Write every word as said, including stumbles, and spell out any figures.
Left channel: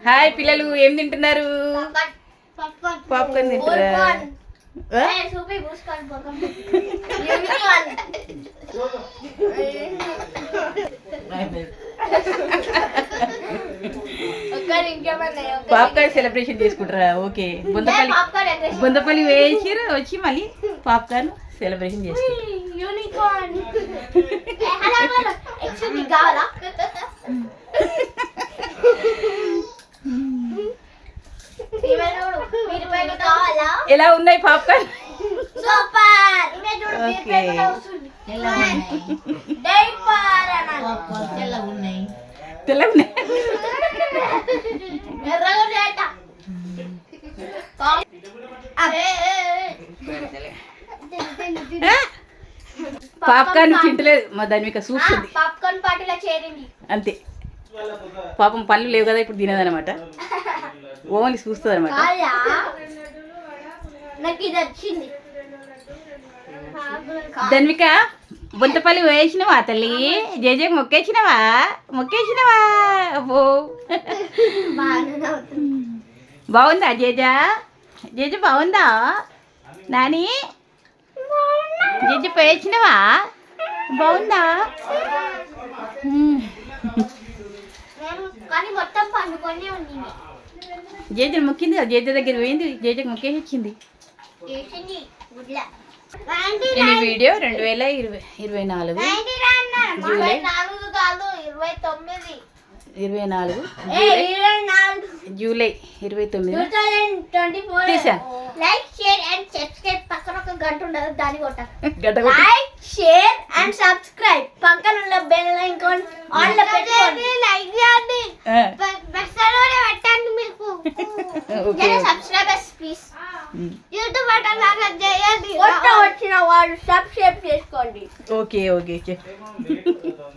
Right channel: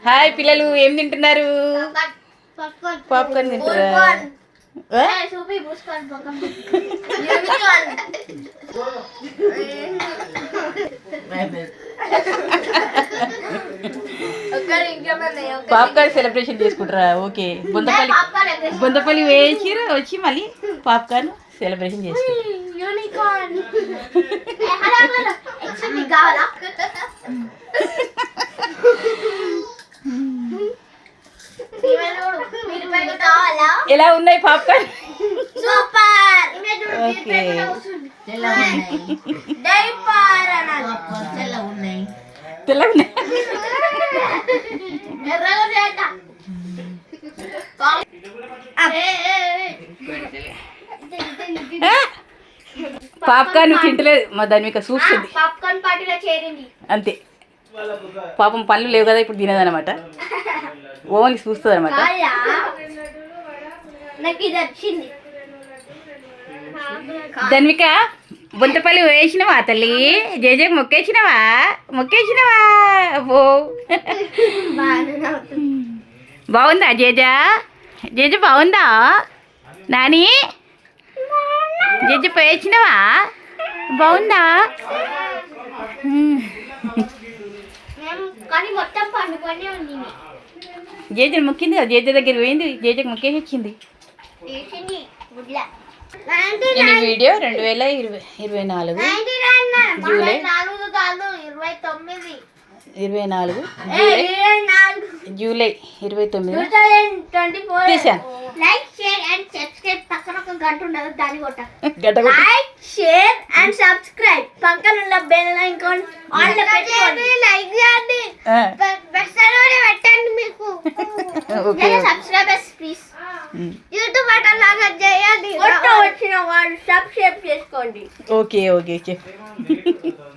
Hi పిల్లలు, ఏం తింటున్నారు? పాప్కార్న్ తింటారా? పాప్కార్న్ సెలబ్రేషన్ చేసుకుంటారా? ఓకే. బొందపల్లి బొందపల్లి వేసిరు వచ్చి మళ్ళీ పాప్కార్న్ సెలబ్రేషన్ చేసుకుంటారు. ఎలా ఉన్నాయి పాప్కార్న్? సూపర్. ఓకే. తెల్ల ఉన్నాయి. పాప్కార్న్ తింటలేదు మా ధన్విక, చూస్తుంది. పాప్కార్న్ పార్టీలో చేరింది అంతే. పాపం పళ్ళు లేవు కదా ఇప్పుడు తినదనమాట, ఓన్లీ చూస్తుంది అనమాట. నాకు ఇది వచ్చింది. ధన్విక, బొంతపల్లి వేసినవా తల్లి? జేజేకి మొక్కేసినవా? మొక్కేసినవా? ఓ బాగుందా జేజా? జేజు బాగుందా? నాని జేజు వేసినవా? బాగుందా? కానీ మొత్తం పండుకొని ఉంది. జేజను మొక్కింది కదా, జేజ దగ్గర పోయింది, జేజకి మొక్కేసి వచ్చింది. నేను ఈ వీడియో రెండు వేల ఇరవై ఇరవై నాలుగు జూలై ఇరవై తొమ్మిది ఇరవై నాలుగు జూలై జూలై ఇరవై తొమ్మిది ట్వంటీ ఫోర్ తీసాను. Like share and subscribe. పక్కన ఒక గంట ఉండదు, దాన్ని కొట్ట. గడ్డ కొట్టి. Like share and subscribe. పక్కన ఉన్న బెల్ ఐకాన్ ఆన్ లో పెట్టుకోండి. లైక్ చేయండి, బెల్ కూడా పెట్టండి. మీకు okay. Subscribers please. YouTube button లాగా చేయండి. వచ్చిన వాళ్ళు సబ్స్క్రైబ్ చేసుకోండి. Okay okay okay.